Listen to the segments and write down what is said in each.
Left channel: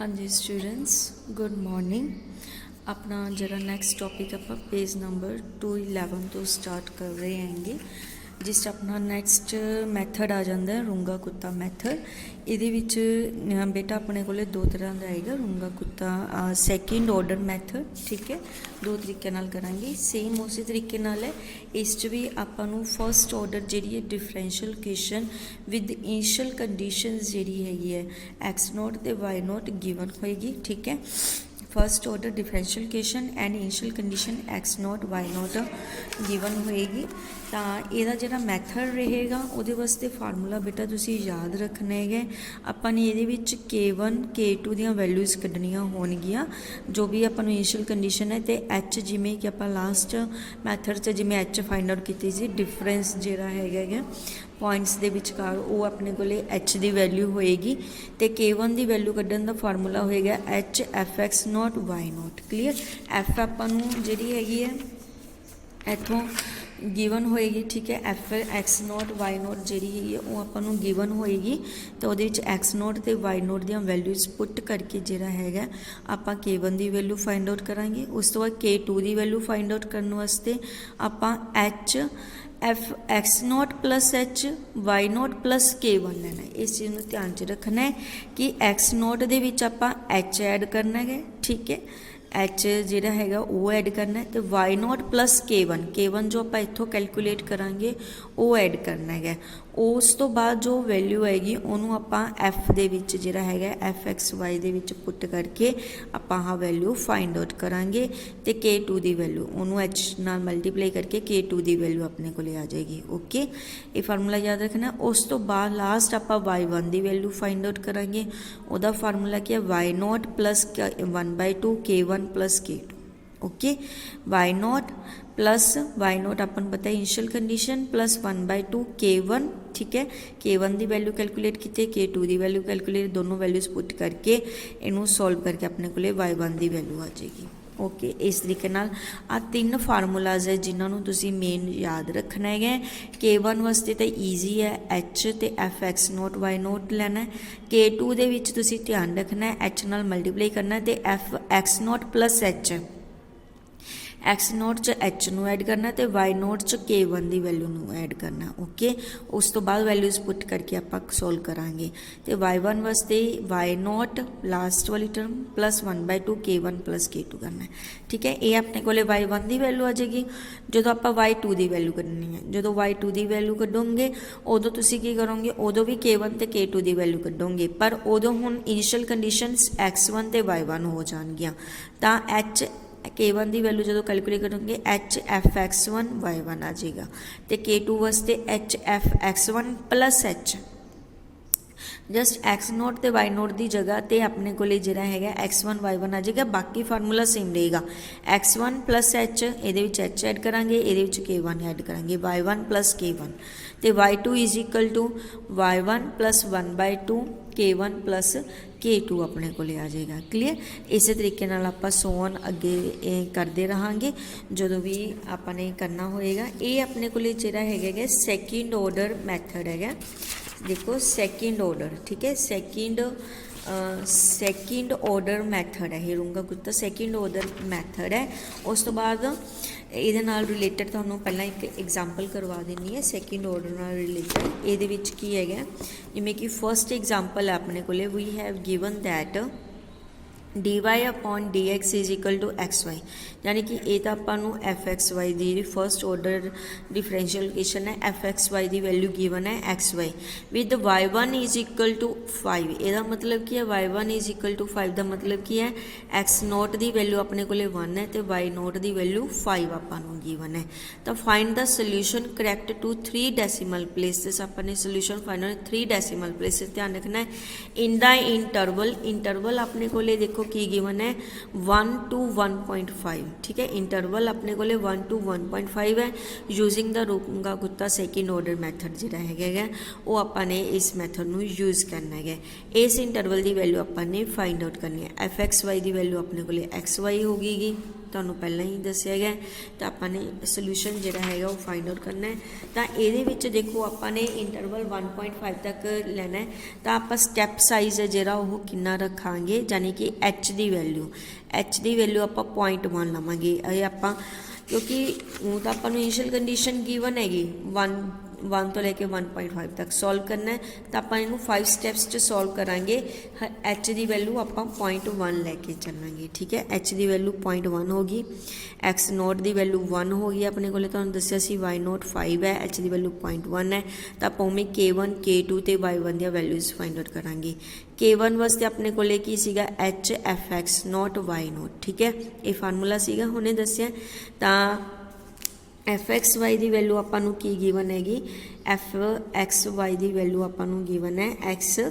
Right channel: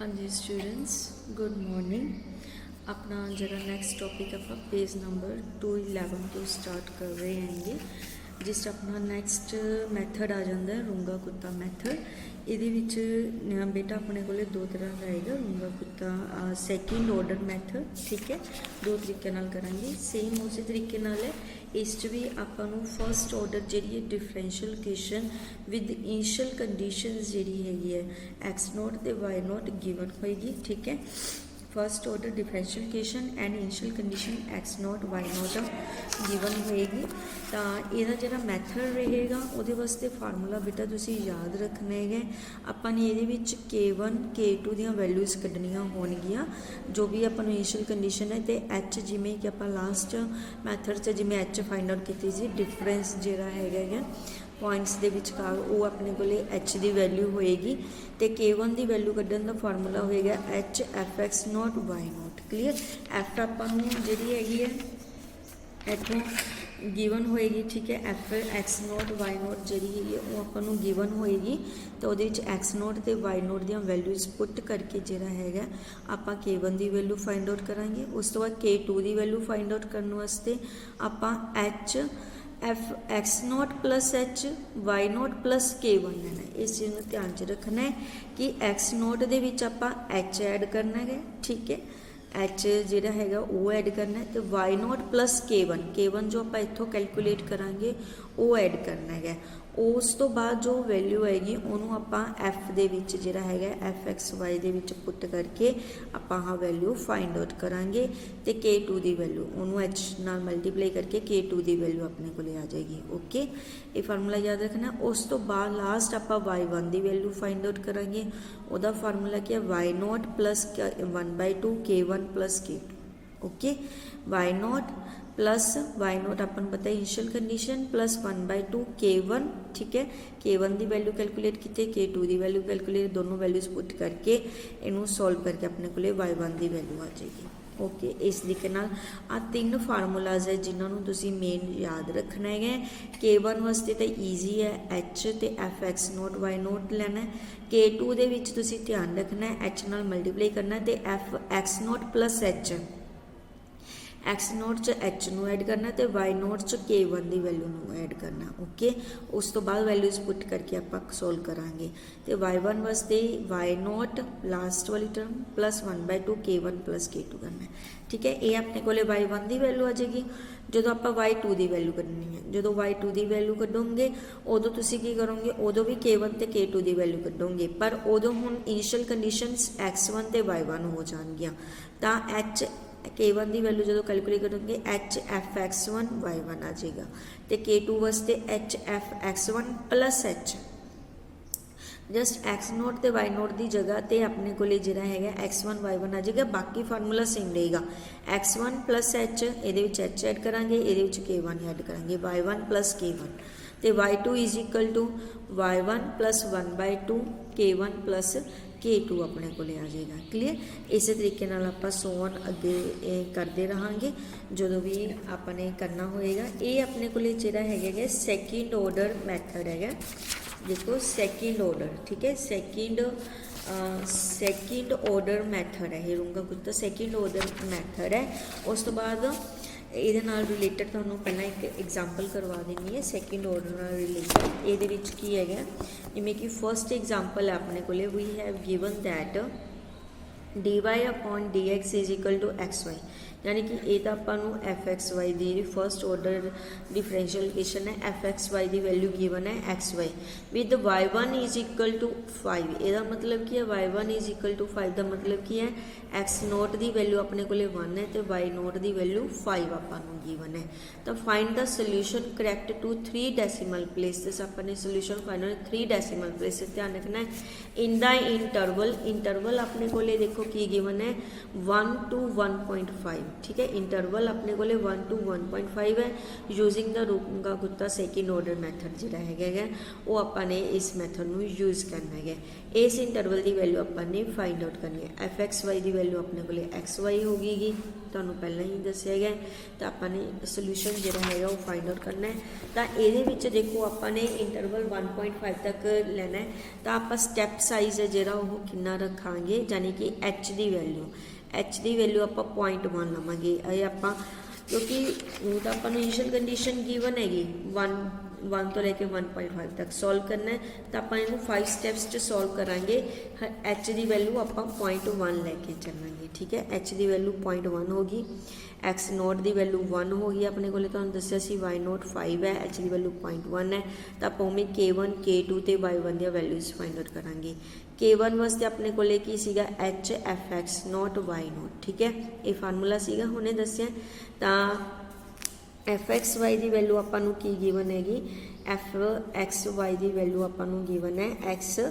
हाँ जी students, good morning. अपना जरा नेक्स्ट टॉपिक आप पेज नंबर 211 तो स्टार्ट कर रहे हैं जिस अपना नैक्सट मैथड आ जाता है रूंगा कुत्ता मैथड। ये बेटा अपने को दो तरह का आएगा रूंगा कुत्ता सैकेंड ऑर्डर मैथड, ठीक है। दो तरीके नाल करांगे, सेम उसी तरीके नाल है। इस भी आपां नूं फर्स्ट ऑर्डर जिहड़ी है differential equation with initial conditions जिहड़ी हैगी है एक्स नॉट ते वाई नॉट गिवन होएगी, ठीक है। First order differential equation and initial condition X naught Y naught given होएगी। तो यदा जो मैथड रहेगा वो वास्ते फार्मूला बेटा तुसी याद रखना है। अपन ये K1 K2 दी वैल्यूज़ कढ़निया होणगियां जो भी अपन इनिशियल कंडीशन है, तो एच जिमें कि आप लास्ट मैथड से जिमें एच फाइंड आउट की सी डिफरेंस जोड़ा है पॉइंट्स के विचकार वो अपने को एच की वैल्यू होएगी। तो K1 की वैल्यू कढ़न का फार्मूला होएगा H F X naught Y naught. Clear, F अपन जी हैगी है इतों गिवन होएगी, ठीक है। F X naught Y naught जी है वो अपन गिवन होएगी। तो वो एक्स नॉट तो वाई नॉट दी वैल्यूज़ पुट करके जोड़ा है आप K1 की वैल्यू फाइंड आउट करांगे। उस तो बाद K2 की वैल्यू फाइंड आउट करने वास्ते आप H F X naught plus H Y naught plus K1 लेना है। इस चीज़ को ध्यान च रखना है कि एक्स नॉट दे विच आपां एच ऐड करना है, ठीक है। एच जिहड़ा हैगा वो ऐड करना है। तो वाई नॉट प्लस K1 जो आप इत्थों कैलकुलेट करांगे वो ऐड करना है। उस तो बाद जो वैल्यू आएगी उन्होंने आप एफ दे विच जिहड़ा हैगा F X why they which put करके आप वैल्यू फाइंड आउट करांगे। तो K2 की वैल्यू उन्होंने एच नाल मल्टीप्लाई करके K2 की वैल्यू अपने को आ जाएगी। ओके, ये फार्मूला याद रखना। उस तो बाद लास्ट आप Y1 की वैल्यू फाइंड आउट करांगे। उसका फार्मूला क्या है Y naught plus 1/2 K1 plus K2। Okay, Y naught plus Y naught अपन पता है इनिशियल कंडीशन प्लस 1/2 K1, ठीक है। K1 की वैल्यू कैलकुलेट की, K2 की वैल्यू कैलकुलेट, दोनों वैल्यूज़ पुट करके इनू सॉल्व करके अपने को Y1 की वैल्यू आ जाएगी। ओके, इस तरीके नाल आ तीन फार्मूलाज है जिन्होंने तुसी मेन याद रखना है। K1 वास्ते तो ईजी है, एच तो F X naught Y naught लेना है। K2 दे विच तुसी ध्यान रखना है एच नाल मल्टीप्लाई करना है, तो F X naught plus H x not च एच नू ऐड करना, तो वाई नॉट च K1 की वैल्यू नू ऐड करना। ओके, उस तो बाद वैल्यूज़ पुट करके आप सॉल्व करांगे। तो Y1 वास्ते वाई नॉट लास्ट वाली term plus 1/2 K1 plus K2 करना है, ठीक है। ये अपने को Y1 की वैल्यू आ जाएगी। जो आप Y2 की वैल्यू कढ़नी है, जो Y2 की वैल्यू कढ़ोगे उदों तुसी की करोगे, उदों भी K1 तो K2 की वैल्यू कढ़ोगे, पर उदों हुण इनिशियल कंडीशनस X1 तो Y1 हो जाएगियां। तो एच K1 की वैल्यू जो कैलकुलेट करोगे H F X one Y one आ जाएगा। तो K2 वास्ते H F X one plus H just X naught तो वाई नोट की जगह तो अपने को जरा है एक्स वन वाई वन आ जाएगा। बाकी फार्मूला सेम रहेगा, एक्स वन प्लस एच ये एच ऐड करा, ये K1 ऐड करा, वाई वन प्लस K1। तो Y2 is equal to Y1 plus 1/2 K1 plus K2 अपने को आ जाएगा। क्लीयर, इस तरीके आप सोन अगे करते रहांगे जो भी आपने करना होएगा। ये अपने को जरा है सैकेंड ऑर्डर मैथड है। देखो सैकेंड ऑर्डर, ठीक है, सैकेंड ऑर्डर मैथड है। रूंगा कुत्ता सैकेंड ऑर्डर मैथड है। उस तो बाद ये रिलेटेड तुहानूं पहला एक एग्जाम्पल करवा देनी है सैकेंड ऑर्डर नाल रिलेटेड। ये की है जिमें कि फर्स्ट एग्जाम्पल है अपने को we have given that dy upon dx is equal to X Y, यानी कि ये तो आपको एफ एक्स वाई की फर्स्ट ऑर्डर डिफरेंशियल इक्वेशन है। एफ एक्स वाई की वैल्यू गिवन है X Y with y1 is equal to 5। यदा मतलब की है y1 इज इक्वल टू 5 का मतलब की है एक्स नोट की वैल्यू अपने को 1 है तो वाई नोट की वैल्यू 5 आपको गिवन है। तो find the solution correct to 3 decimal places. अपने सोल्यूशन फाइंड 3 डेसिमल प्लेसेस ध्यान रखना है। इन द इंटरवल अपने को देखो की गिवन है 1 to 1.5, ठीक है। इंटरवल अपने को 1 to 1.5 है। यूजिंग द रूंगा कुत्ता सैकेंड ऑर्डर मैथड जो है वो आपने इस मैथड में यूज करना है। इस इंटरवल की वैल्यू आपने फाइंड आउट करनी है। एफ एक्स वाई की वैल्यू अपने को एक्स वाई होगी ਤੁਹਾਨੂੰ ਪਹਿਲਾਂ ਹੀ ਦੱਸਿਆ ਗਿਆ। ਤਾਂ ਆਪਾਂ ਨੇ ਸੋਲੂਸ਼ਨ ਜਿਹੜਾ ਹੈਗਾ ਉਹ ਫਾइंड आउट करना है। ਤਾਂ ਇਹਦੇ ਵਿੱਚ ਦੇਖੋ ਆਪਾਂ ਨੇ ਇੰਟਰਵਲ 1.5 ਤੱਕ ਲੈਣਾ ਹੈ। ਤਾਂ ਆਪਾਂ ਸਟੈਪ ਸਾਈਜ਼ ਹੈ ਜਿਹੜਾ ਉਹ ਕਿੰਨਾ ਰੱਖਾਂਗੇ, ਯਾਨੀ ਕਿ h ਦੀ ਵੈਲਿਊ ਆਪਾਂ 0.1 ਲਵਾਂਗੇ। ਇਹ ਆਪਾਂ ਕਿਉਂਕਿ ਉਹ ਤਾਂ ਆਪਾਂ ਨੂੰ ਇਨੀਸ਼ੀਅਲ ਕੰਡੀਸ਼ਨ ਗਿਵਨ ਹੈਗੀ 1 ਤੋਂ ਲੈ ਕੇ 1.5 ਤੱਕ ਸੋਲਵ ਕਰਨਾ ਹੈ। ਤਾਂ ਆਪਾਂ ਇਹਨੂੰ 5 ਸਟੈਪਸ 'ਚ ਸੋਲਵ ਕਰਾਂਗੇ। h ਦੀ ਵੈਲਿਊ ਆਪਾਂ 0.1 ਲੈ ਕੇ ਚੱਲਾਂਗੇ, ਠੀਕ ਹੈ। h ਦੀ ਵੈਲਿਊ 0.1 ਹੋ ਗਈ, x ਨੋਟ ਦੀ ਵੈਲਿਊ 1 ਹੋ ਗਈ ਆਪਣੇ ਕੋਲੇ, ਤੁਹਾਨੂੰ ਦੱਸਿਆ ਸੀ y ਨੋਟ 5 ਹੈ, h ਦੀ ਵੈਲਿਊ 0.1 ਹੈ। ਤਾਂ ਆਪਾਂ ਉਵੇਂ k1 k2 ਤੇ y1 ਦੀਆਂ ਵੈਲਿਊਜ਼ ਫਾइंड आउट ਕਰਾਂਗੇ। k1 ਵਾਸਤੇ ਆਪਣੇ ਕੋਲੇ ਕੀ ਸੀਗਾ h fx note y note, ਠੀਕ ਹੈ। ਇਹ ਫਾਰਮੂਲਾ ਸੀਗਾ ਹੁਣੇ ਦੱਸਿਆ। ਤਾਂ fxy ਦੀ ਵੈਲਿਊ ਆਪਾਂ ਨੂੰ ਕੀ ਗਿਵਨ ਹੈਗੀ, fxy ਦੀ ਵੈਲਿਊ ਆਪਾਂ ਨੂੰ ਗਿਵਨ ਹੈ xy,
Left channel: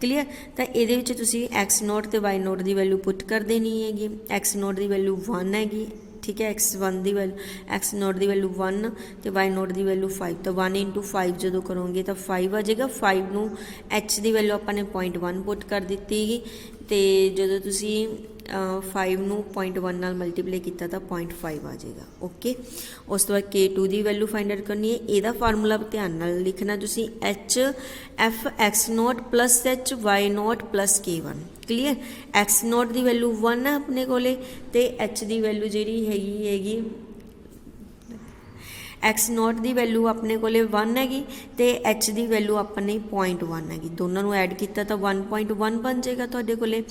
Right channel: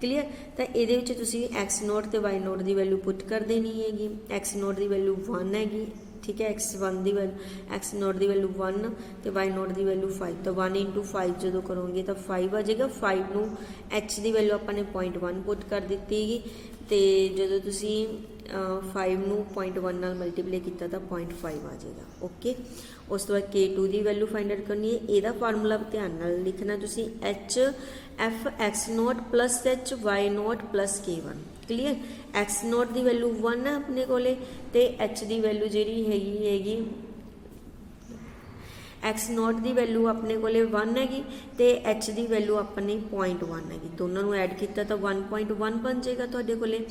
ਕਲੀਅਰ। ਤਾਂ ਇਹਦੇ ਵਿੱਚ ਤੁਸੀਂ x ਨੋਟ ਤੇ y ਨੋਟ ਦੀ ਵੈਲਿਊ ਪੁੱਟ ਕਰ ਦੇਣੀ ਹੈਗੀ। x ਨੋਟ ਦੀ ਵੈਲਿਊ 1 ਹੈਗੀ, ठीक है। x1 ਦੀ ਵੈਲਿਊ x ਨੋਟ ਦੀ ਵੈਲਿਊ 1 ਤੇ y ਨੋਟ ਦੀ ਵੈਲਿਊ 5। ਤਾਂ 1 × 5 ਜਦੋਂ ਕਰੋਗੇ ਤਾਂ 5 ਆ ਜਾਏਗਾ। 5 ਨੂੰ h ਦੀ ਵੈਲਿਊ ਆਪਾਂ ਨੇ 0.1 ਪੁੱਟ ਕਰ ਦਿੱਤੀ ਹੈਗੀ। ਤੇ ਜਦੋਂ ਤੁਸੀਂ 5 ਨੂੰ 0.1 ਨਾਲ ਮਲਟੀਪਲਾਈ ਕੀਤਾ ਤਾਂ 0.5 ਆ ਜਾਏਗਾ, ਓਕੇ। ਉਸ ਤੋਂ ਬਾਅਦ k2 ਦੀ ਵੈਲਿਊ ਫਾइंड आउट करनी है। ਇਹਦਾ ਫਾਰਮੂਲਾ ਧਿਆਨ ਨਾਲ ਲਿਖਣਾ ਤੁਸੀਂ, h f x note plus h y naught plus k1, clear. x note ਦੀ ਵੈਲਿਊ 1 ਹੈ ਆਪਣੇ ਕੋਲੇ ਤੇ h ਦੀ ਵੈਲਿਊ ਜਿਹੜੀ ਹੈਗੀ x ਨੋਟ ਦੀ ਵੈਲਿਊ ਆਪਣੇ ਕੋਲੇ 1 ਹੈਗੀ ਤੇ h ਦੀ ਵੈਲਿਊ ਆਪਣੇ 0.1 ਹੈਗੀ। ਦੋਨਾਂ ਨੂੰ ਐਡ ਕੀਤਾ ਤਾਂ 1.1 ਬਣ ਜਾਏਗਾ ਤੁਹਾਡੇ ਕੋਲੇ।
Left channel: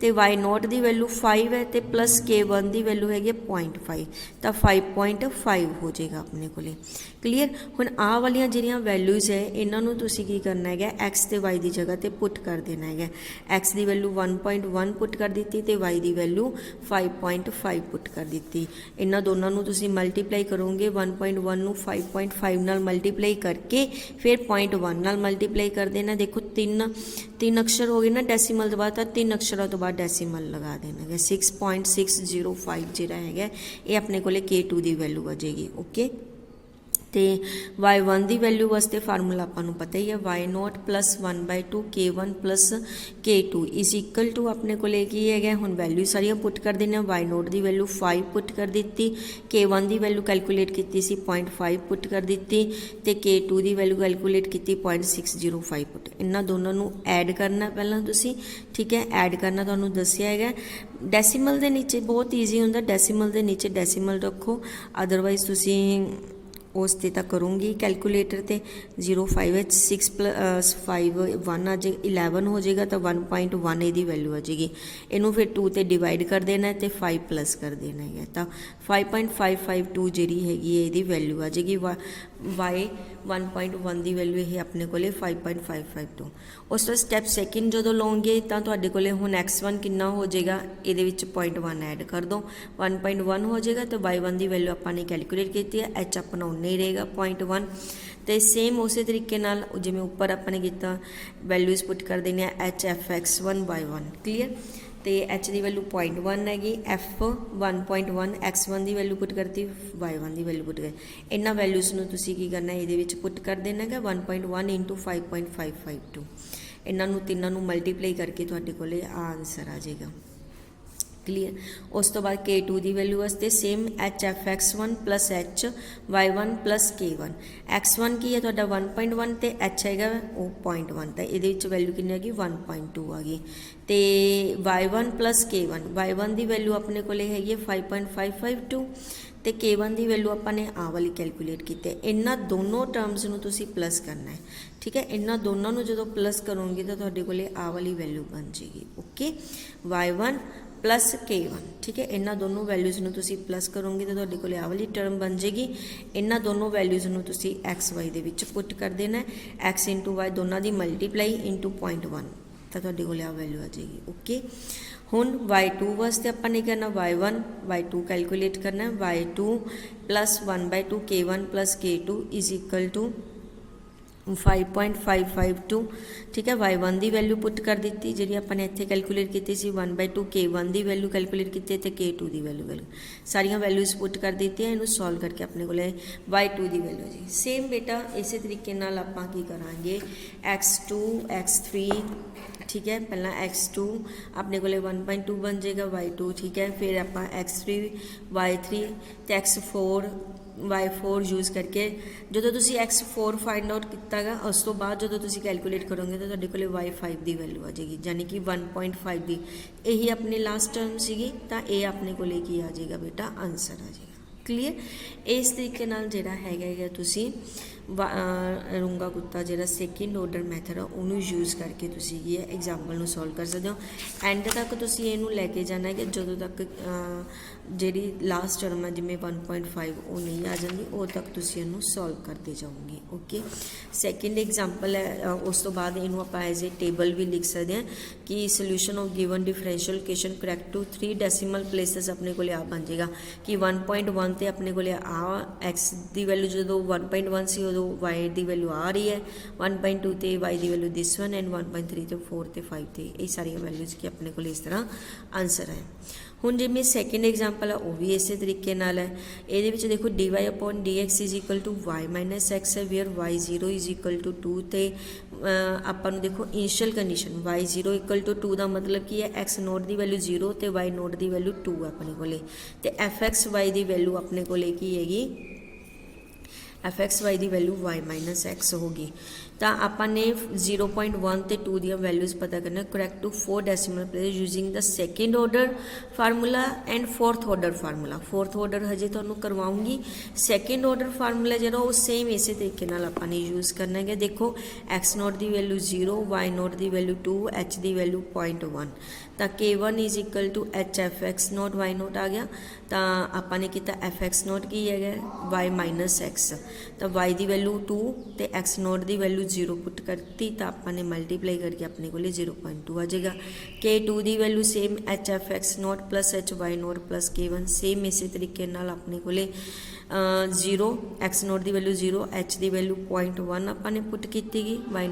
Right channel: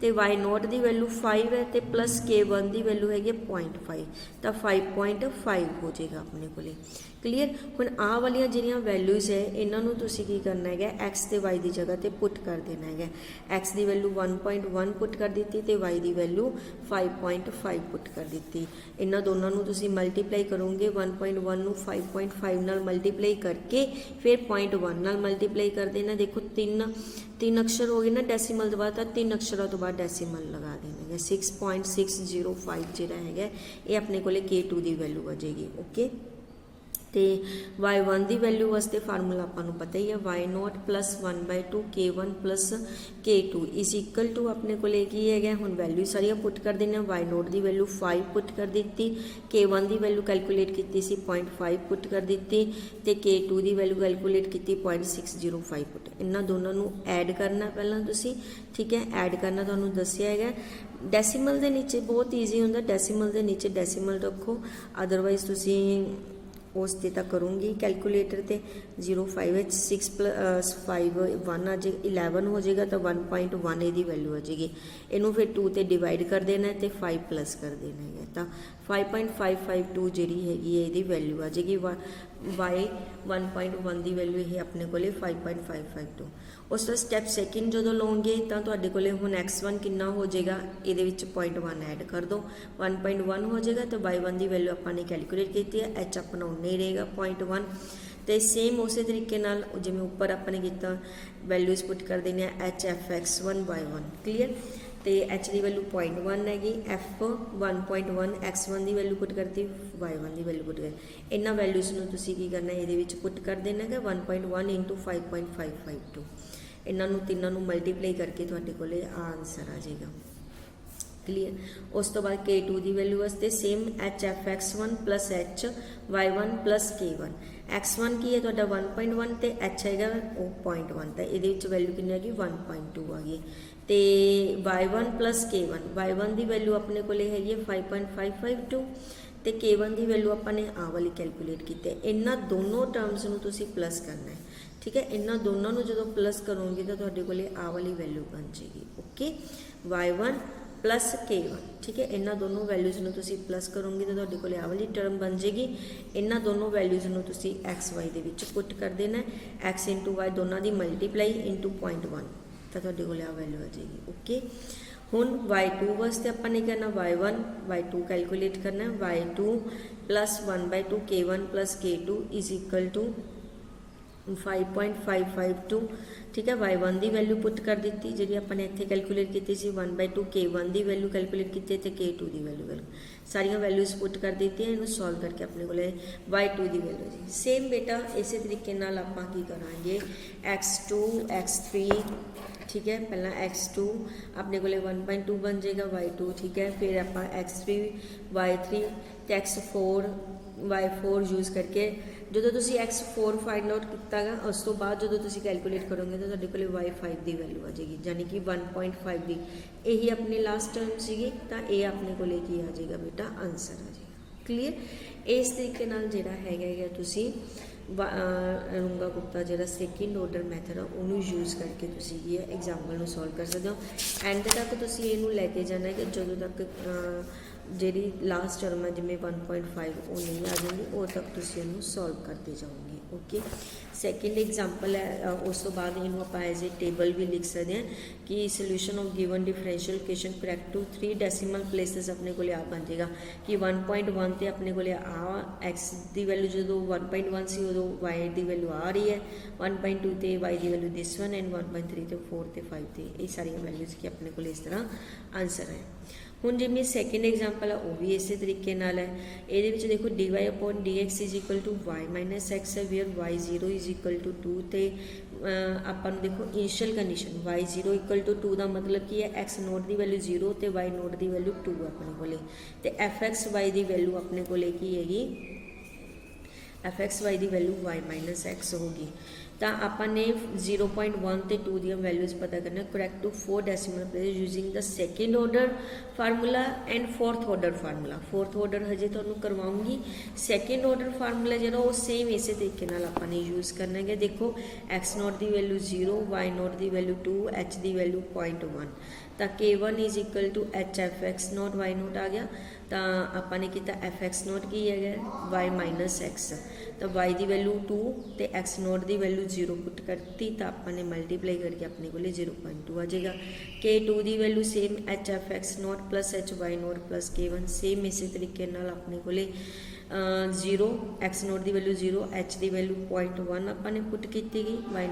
ਤੇ y ਨੋਟ ਦੀ ਵੈਲਿਊ 5 ਹੈ ਤੇ ਪਲਸ k1 ਦੀ ਵੈਲਿਊ ਹੈਗੀ 0.5, ਤਾਂ 5.5 ਹੋ ਜਾਏਗਾ ਆਪਣੇ ਕੋਲੇ, ਕਲੀਅਰ। ਹੁਣ ਆਹ ਵਾਲੀਆਂ ਜਿਹੜੀਆਂ ਵੈਲਿਊਜ਼ ਹੈ ਇਹਨਾਂ ਨੂੰ ਤੁਸੀਂ ਕੀ ਕਰਨਾ ਹੈਗਾ, x ਤੇ y ਦੀ ਜਗ੍ਹਾ ਤੇ ਪੁੱਟ ਕਰ ਦੇਣਾ ਹੈਗਾ। x ਦੀ ਵੈਲਿਊ 1.1 ਪੁੱਟ ਕਰ ਦਿੱਤੀ ਤੇ y ਦੀ ਵੈਲਿਊ 5.5 ਪੁੱਟ ਕਰ ਦਿੱਤੀ। ਇਹਨਾਂ ਦੋਨਾਂ ਨੂੰ ਤੁਸੀਂ ਮਲਟੀਪਲਾਈ ਕਰੋਗੇ, 1.1 ਨੂੰ 5.5 ਨਾਲ ਮਲਟੀਪਲਾਈ ਕਰਕੇ ਫਿਰ 0.1 ਨਾਲ ਮਲਟੀਪਲਾਈ ਕਰ ਦੇਣਾ। ਦੇਖੋ ਤਿੰਨ ਅਕਸ਼ਰ ਹੋ ਗਏ ਨਾ ਡੈਸੀਮਲ ਤੋਂ ਬਾਅਦ, ਤਾਂ 3 ਅਕਸ਼ਰਾਂ ਤੋਂ ਬਾਅਦ ਡੈਸੀਮਲ ਲਗਾ ਦੇਣਾ ਹੈਗਾ। 6.605 ਜਿਹੜਾ ਹੈਗਾ ਇਹ ਆਪਣੇ ਕੋਲੇ k2 ਦੀ ਵੈਲਿਊ ਆ ਜਾਏਗੀ, ਓਕੇ। ਤੇ y1 ਦੀ ਵੈਲਿਊ ਵਾਸਤੇ ਫਾਰਮੂਲਾ ਆਪਾਂ ਨੂੰ ਪਤਾ ਹੀ ਹੈ, y naught plus 1/2 k1 plus k2 is equal to ਆਪਣੇ ਕੋਲੇ ਕੀ ਹੈਗਾ। ਹੁਣ ਵੈਲਿਊ ਸਾਰੀਆਂ ਪੁੱਟ ਕਰ ਦਿੰਦੇ ਹਾਂ। y ਨੋਟ ਦੀ ਵੈਲਿਊ 5 ਪੁੱਟ ਕਰ ਦਿੱਤੀ, k1 ਦੀ ਵੈਲਿਊ ਕੈਲਕੂਲੇਟ ਕੀਤੀ ਸੀ 0.5 ਪੁੱਟ ਕਰ ਦਿੱਤੀ ਤੇ k2 ਦੀ ਵੈਲਿਊ ਕੈਲਕੂਲੇਟ ਕੀਤੀ 0.605 ਪੁੱਟ। ਇਹਨਾਂ ਦੋਨਾਂ ਨੂੰ ਐਡ ਕਰਨਾ ਪਹਿਲਾਂ ਤੁਸੀਂ, ਠੀਕ ਹੈ। ਐਡ ਕਰਨਾ ਤੁਹਾਨੂੰ ਦੱਸਿਆ ਹੈਗਾ। ਡੈਸੀਮਲ ਦੇ ਨੀਚੇ ਬਹੁਤ ਈਜ਼ੀ ਹੁੰਦਾ, ਡੈਸੀਮਲ ਦੇ ਨੀਚੇ ਡੈਸੀਮਲ ਰੱਖੋ, ਅਦਰਵਾਈਜ਼ ਤੁਸੀਂ ਉਸ 'ਤੇ ਤਾਂ ਕਰੂੰਗੀ ਕੈਲਕੂਲੇਟਰ 'ਤੇ। 0.5 ਵਿੱਚ 6 + 5 1 ਆ ਜੇ 11 ਹੋ ਜਾਏਗਾ ਤਾਂ 1.1 ਇਹਦੀ ਵੈਲਿਊ ਆ ਜਾਏਗੀ। ਇਹਨੂੰ ਫਿਰ 2 'ਤੇ ਡਿਵਾਈਡ ਕਰ ਦੇਣਾ ਤੇ 5 ਪਲੱਸ ਕਰ ਦੇਣਾ ਹੈਗਾ, ਤਾਂ 5.552 ਜਿਹੜੀ ਹੈਗੀ ਹੈ ਇਹਦੀ ਵੈਲਿਊ ਆ ਜਾਏਗੀ। y 1.1 ਦੀ ਵੈਲਿਊ ਇਹ ਆਪਣੇ ਕੋਲੇ 5.552। ਉਸ ਤੋਂ ਸਟੈਪ ਸੈਕਿੰਡ ਜਦੋਂ ਲਓਗੇ ਤਾਂ ਤੁਹਾਡੇ ਕੋਲੇ ਹੁਣ x1 ਕਿੰਨਾ ਹੋ ਜਾਏਗਾ, ਇਹਦੇ ਵਿੱਚ 0.1 ਐਡ ਕਰ ਦਿਓ, 1.1 ਹੋ ਜਾਏਗਾ। ਤਾਂ y1 ਦੀ ਵੈਲਿਊ ਆਪਾਂ ਨੇ ਕੈਲਕੂਲੇਟ ਕੀਤੀ ਹੈ, h ਆਪਣਾ ਉਨਾ ਹੀ ਰਹੇਗਾ 0.1। ਤੇ ਸੇਮ ਉਸੇ ਤਰੀਕੇ ਨਾਲ ਜਿਵੇਂ ਉੱਪਰ ਆਪਾਂ ਨੇ ਕੀਤਾ ਵੈਲਿਊਜ਼ ਪੁੱਟ ਕਰ ਦੇਣੀ ਹੈ, h f x1 y1, clear. ਤੇ h ਦੀ ਵੈਲਿਊ 0.1 ਹੈਗੀ, f 1.1 x1 ਦੀ ਵੈਲਿਊ ਪੁੱਟ ਕਰਤੀ, y1 ਦੀ ਵੈਲਿਊ ਪੁੱਟ ਕਰ। ਇਹਨਾਂ ਵੈਲਿਊਜ਼ ਨੂੰ ਤੁਸੀਂ ਕੀ ਕਰਨਾ ਇਹਦੇ ਵਿੱਚ ਪੁੱਟ ਕਰ ਦੇਣਾ ਹੈਗਾ 1.1 × 5.552। ਇਹਨਾਂ ਨੂੰ ਤਿੰਨਾਂ ਨੂੰ ਮਲਟੀਪਲਾਈ ਕਰਕੇ ਤੁਹਾਡੇ ਕੋਲੇ ਆਨਸਰ ਆ ਜਾਏਗਾ, ਕਲੀਅਰ। ਉਸ ਤੋਂ ਬਾਅਦ k2 ਦੀ ਵੈਲਿਊ ਵਾਸਤੇ same h f x1 plus h y1 plus k1। x1 ਕੀ ਹੈ ਤੁਹਾਡਾ 1.1 ਤੇ h ਹੈਗਾ ਉਹ 0.1, ਤਾਂ ਇਹਦੇ ਵਿੱਚ ਵੈਲਿਊ ਕਿੰਨੀ ਹੈਗੀ 1.2 ਆ ਗਈ। ਤੇ y1 ਪਲਸ k1, y1 ਦੀ ਵੈਲਿਊ ਆਪਣੇ ਕੋਲੇ ਹੈਗੀ ਹੈ 5.552 ਤੇ k1 ਦੀ ਵੈਲਿਊ ਆਪਾਂ ਨੇ ਆਹ ਵਾਲੀ ਕੈਲਕੂਲੇਟ ਕੀਤੀ ਹੈ। ਇਹਨਾਂ ਦੋਨੋਂ ਟਰਮਸ ਨੂੰ ਤੁਸੀਂ ਪਲੱਸ ਕਰਨਾ ਹੈ, ਠੀਕ ਹੈ। ਇਹਨਾਂ ਦੋਨਾਂ ਨੂੰ ਜਦੋਂ ਪਲੱਸ ਕਰੋਗੇ ਤਾਂ ਤੁਹਾਡੇ ਕੋਲੇ ਆਹ ਵਾਲੀ ਵੈਲਿਊ ਬਣ ਜਾਏਗੀ, ਓਕੇ। y1 ਪਲਸ k1, ਠੀਕ ਹੈ। ਇਹਨਾਂ ਦੋਨੋਂ ਵੈਲਿਊਜ਼ ਨੂੰ ਤੁਸੀਂ ਪਲੱਸ ਕਰੋਗੇ ਤਾਂ ਤੁਹਾਡੇ ਕੋਲ ਆਹ ਵਾਲੀ ਟਰਮ ਬਣ ਜਾਏਗੀ। ਇਹਨਾਂ ਦੋਨੋਂ ਵੈਲਿਊਜ਼ ਨੂੰ ਤੁਸੀਂ x y ਦੇ ਵਿੱਚ ਪੁੱਟ ਕਰ ਦੇਣਾ, x × y ਦੋਨਾਂ ਦੀ ਮਲਟੀਪਲਾਈ × 0.1, ਤਾਂ ਤੁਹਾਡੇ ਕੋਲ ਆਹ ਵੈਲਿਊ ਆ ਜਾਏਗੀ, ਓਕੇ। ਹੁਣ y2 ਵਾਸਤੇ ਆਪਾਂ ਨੇ ਕਰਨਾ y1 y2 ਕੈਲਕੂਲੇਟ ਕਰਨਾ, y2 plus 1/2 k1 plus k2 is equal to 5.552 ठीक है। y1 की वैल्यू पुट कर दी जी अपने इतने कैलकुलेट की सी 1/2 k1 की वैल्यू कैलकुलेट की तो k2 की वैल्यू सारिया वैल्यूज़ पुट कर दी इनू सॉल्व करके अपने को y2 की वैल्यू जी सेम बेटा इस तरीके आप करा x2 x3 ठीक है। पहला x2 अपने को 1.2 बन जाएगा y2 ठीक है। फिर आप x3 y3 तो x4 y4 यूज़ करके जो तुसी x4 फाइंड आउट किया गा उस तो बाद जो तुसी कैलकुलेट करोगे तो तुहाडे कोले y5 की वैल्यू आ जाएगी यानी कि 1.5 की यही अपनी लास्ट टर्म सी तो ये अपने को की आ जाएगा बेटा आंसर आ जाएगा। क्लीयर इस तरीके जोड़ा है तुसी रूंगा कुत्ता जो सैकेंड ऑर्डर मैथड उन्होंने यूज़ करके तुसी एग्जाम्पल सॉल्व कर सकते हो। एंड तक तुसी इहनू लैके जाना है जो तक जी लास्ट टर्म है जिमें 1.5 वो नहीं आ जाएगी वो तक तुसी इहनू सॉल्व करते जाओगे। ओके सैकेंड एग्जाम्पल है उस तो बाद इनू आप एज ए टेबल भी लिख सकते हैं कि solution of given differential equation correct to 3 decimal places अपने को आ बन जाएगा कि 1.1 तो अपने को आ एक्स की वैल्यू जो 1.1 से उदो वाई की वैल्यू आ रही है 1.2 तो वाई की वैल्यू दिस वन एंड 1.3 तो 4 तो 5 तो ये सारी वैल्यूज़ की अपने को इस तरह आंसर है। हुण जिमें सैकेंड एग्जाम्पल है वह भी इस तरीके नाल है ये देखो dy upon dx is equal to y minus X है where y0 is equal to 2 तो अपन देखो initial condition y0 equal to 2 का मतलब की है x नोट की वैल्यू 0 तो y नोट की वैल्यू 2 है अपने को तो fx y की वैल्यू अपने को की हैगी fx y की वैल्यू y माइनस एक्स होगी। तो आपने 0.1 तो 2 दी वैल्यूज़ पता करना correct to 4 decimal place using the second order formula and fourth order formula. Fourth order हजे तो करवाऊँगी सैकेंड ऑर्डर फार्मूला जो वो सेम इस तरीके आपने यूज़ करना है। देखो एक्स नोट की वैल्यू 0 वाई नोट की वैल्यू 2 एच की वैल्यू 0.1 तो k1 is equal to H F X naught Y naught आ गया तो आपने किया एफ एक्स नोट की है वाई माइनस एक्स तो वाई की वैल्यू 2 तो एक्स नोट की वैल्यू 0 पुट करती तो आपने मल्टीप्लाई करके अपने को 0.2 आ जाएगा। k2 की value same H F X naught plus H Y naught plus k1 same इस तरीके अपने को 0 एक्स नोट की वैल्यू 0 एच की वैल्यू 0.1 आपने पुट की गई वाई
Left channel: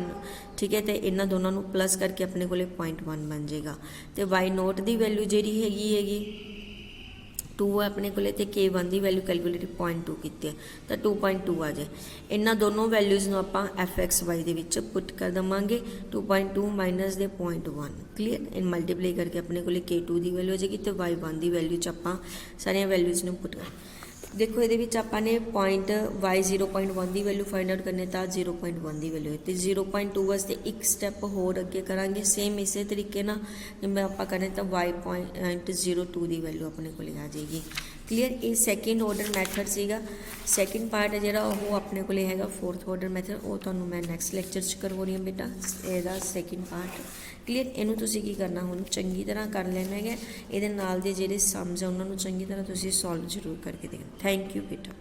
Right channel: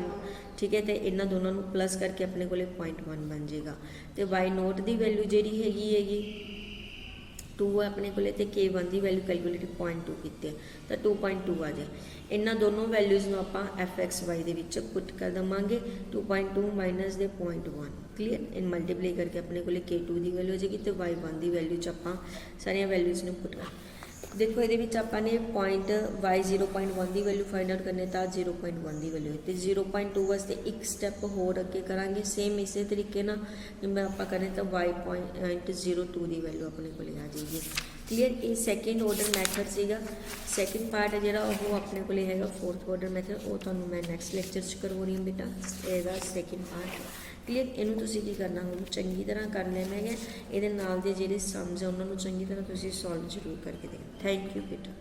ठीक है। तो इन्होंने दोनों को प्लस करके अपने को 0.1 बन जाएगा तो वाई नोट की वैल्यू जी हैगी 2 अपने को k1 की वैल्यू कैलकुलेट 0.2 की तो 2.2 आ जाए। इन्होंने दोनों वैल्यूज़ को आप एफ एक्स वाई के पुट कर देवांगे 2.2 माइनस दे 0.1 क्लीयर इन मल्टीप्लाई करके अपने को k2 की वैल्यू हो जाएगी तो y1 की वैल्यू आप सारिया वैल्यूज़ ने पुट कर देखो ये आपने पॉइंट y 0.1 की वैल्यू फाइंड आउट करने तो 0.1 की वैल्यू है तो 0.2 वास्ते एक स्टैप होर अगे करांगे सेम इस तरीके जिम्मे आप करें तो y.02 की वैल्यू अपने को आ जाएगी। क्लीयर ये सैकेंड ऑर्डर मैथड सीगा सैकेंड पार्ट है जो वो अपने को है फोर्थ ऑर्डर मैथड वो तो मैं नैक्सट लैक्चर करवा रही हूँ बेटा यदा सैकेंड पार्ट। क्लीयर इनू तुसी की करना हम चंगी तरह कर लेना है ये जो समझ है उन्होंने चंगी तरह तुसी सॉल्व जरूर करके देखना। थैंक यू बेटा।